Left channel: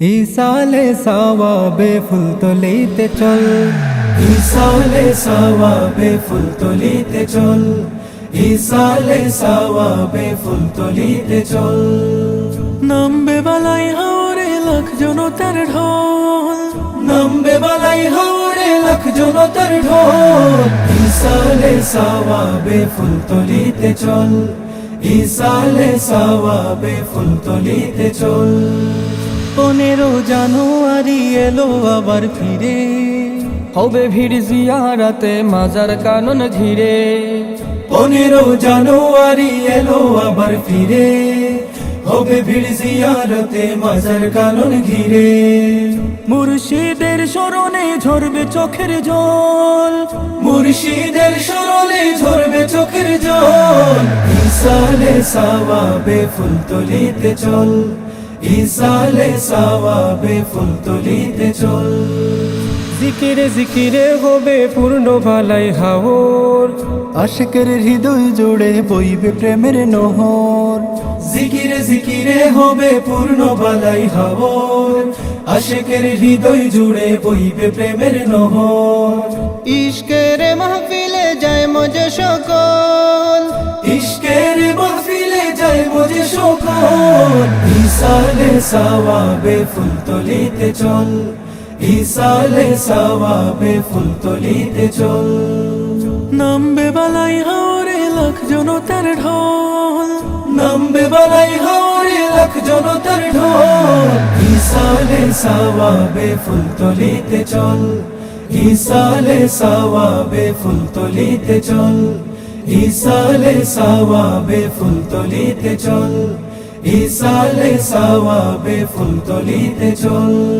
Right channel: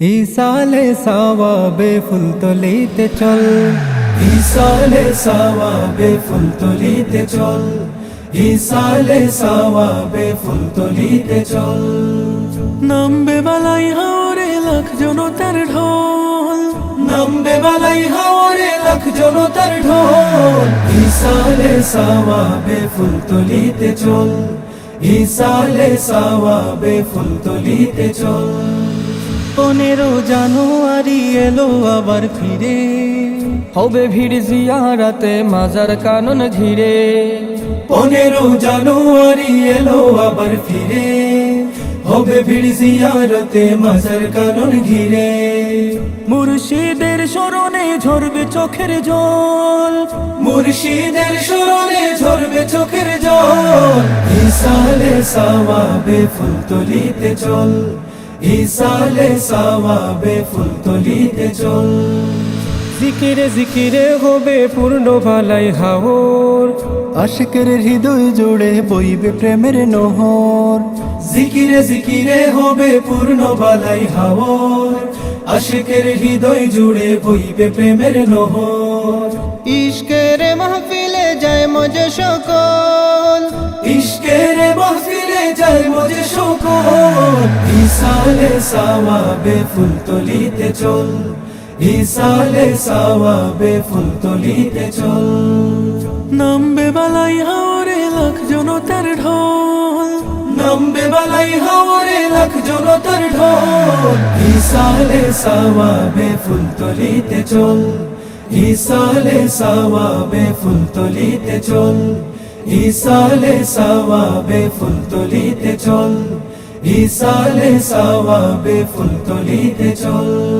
ইসালে সাওয়াবে ফুল তলিতে চল। ইসালে সাওয়াবে ফুল তলিতে চল। ইসালে সাওয়াবে ফুল তলিতে চল। নামবে বালাই হাওরে লাখ জনতার ঢোল। নামবে বালাই হাওরে লাখ জনতার ঢোল। ইসালে সাওয়াবে ফুল তলিতে চল। ইসালে সাওয়াবে ফুল তলিতে চল। পনেরো জানুয়ারি এলো আবার ফিরে। হবে ভিড় জিয়ারাতে মাজার কানন ঘিরে পনেরো জানুয়ারি এলো আবার ফিরে। হবে ভিড় জিয়ারতে মাজার কানন ঘিরে। মুর্শিদের স্মরণে ঝরবে চোখের জল। মুর্শিদের স্মরণে ঝরবে চোখের জল। সাওয়াবে ফুল তলিতে চল। ইসালে সাওয়াবে ফুল তলিতে চল। জিকিরে জিকিরে হবে পূর্ণ ভালাই হাওর। আশেকের হৃদয় জুড়ে বইবে প্রেমের নহর। জিকিরে জিকিরে হবে পূর্ণ ভালাই হাওর। আশেকের হৃদয় জুড়ে বইবে প্রেমের নহর। ইশকের মাহফিলে যায় মজে সকল। সকল ইসালে সাওয়াবে ফুল তলিতে চল ইসালে সাওয়াবে ফুল তলিতে চল। নামবে বালাই হাওরে লাখ জনতার ঢোল। নামবে বালাই হাওরে লাখ জনতার ঢোল ইসালে সাওয়াবে ফুল তলিতে চল ইসালে সাওয়াবে ফুল তলিতে চল ইসালে সাওয়াবে ফুল তলিতে চল। ইসালে সওয়াবে ফুল তুলিতে চল।